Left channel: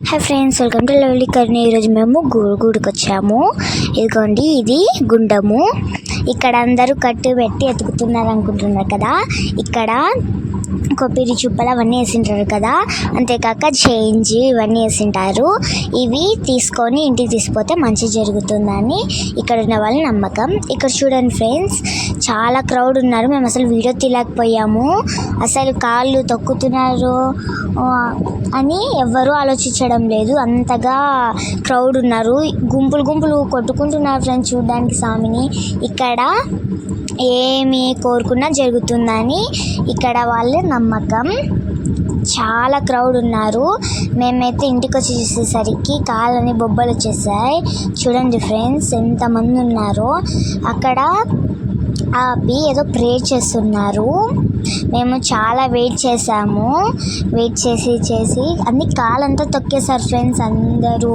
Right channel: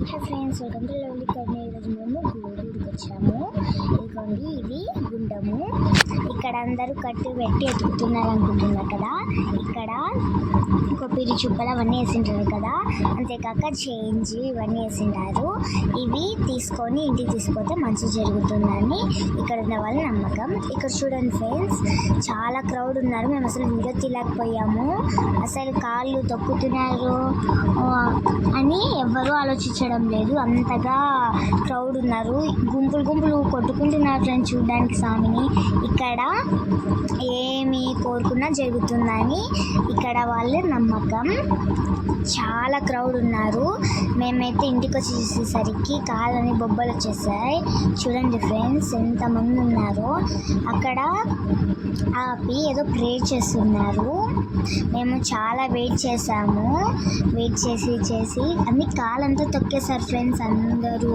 Hi friends, welcome to lovely Karni. ఈరోజు మేము గూడుకు వచ్చాము. ఇదిగోండి, ఇది గుండము. ఇక్కడ అందరూ కట్టు పెట్టి ఎతుకుతున్నారు అనుకుంటున్నారు కదా. ఇక్కడ కొబ్బరి చుప్పలు అవన్నీ వేసింటారు కదా, అంతేకాక చేంజ్ ఇవన్నీ వేసింటారు. ఇవి తీసుకొని ఇంటికి తీసుకుపోతే మంచి జరుగుతుందని ఇక్కడ ఉన్న వాళ్ళ నమ్మకం. ఇక్కడ చూడండి ఫ్రెండ్స్, చాలా క్రౌడ్ ఉన్నారు. మేము అసలు వీడియో తీయలేకపోయాము. అసలు కాళ్ళు తొక్కుతున్నారు అని ఎవ్వరూ ఆలోచించడం లేదు. అంతగా క్రౌడ్ ఉన్నారు. గుంపులు కొట్టుకుంటున్నారు ఫ్రెండ్స్ చూడడానికి స్వామిని. ఇక్కడ ఏమి కోరుకున్నా జరుగుతుందని ఇక్కడ వాళ్ళ నమ్మకం. చాలా క్రౌడ్ ఉన్నారు. మేమైతే ఇంటికి వచ్చి చూసేసరికి కాళ్ళని బొబ్బలు వచ్చేసాయి. చూడండి ఫ్రెండ్స్ ఎంతమంది ఉన్నారో. అక్కడ ఆపి ఏదో ప్రేయర్ చేస్తున్నారు. మేము చాలా వెయిట్ చేసాము. వెయిట్ చేసి అన్ని కాలంతా తొక్కేశారు ఫ్రెండ్స్ అందరూ.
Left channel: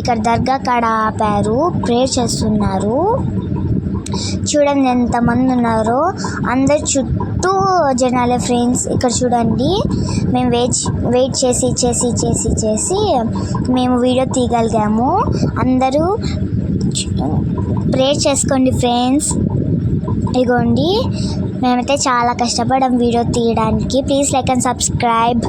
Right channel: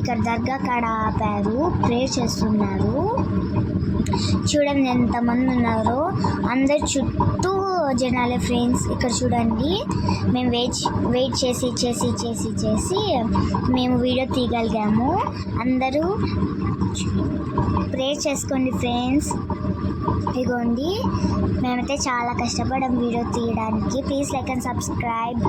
ఇక్కడ దర్గా కాడ ఆపారు, ప్రేయర్ చేస్తున్నారు. చూడండి ఎంతమంది ఉన్నారో. అందరు చుట్టూ జనాలే ఫ్రెండ్స్. ఇక్కడ చూడండి, మేము వెయిట్ చేసి మేము వీడియో తీయగలిగాము. అందరూ ప్రేయర్ చేసుకోండి ఫ్రెండ్స్. ఇగోండి, మేమైతే చాలా కష్టపడాం వీడియో తీయడానికి. Please like and subscribe.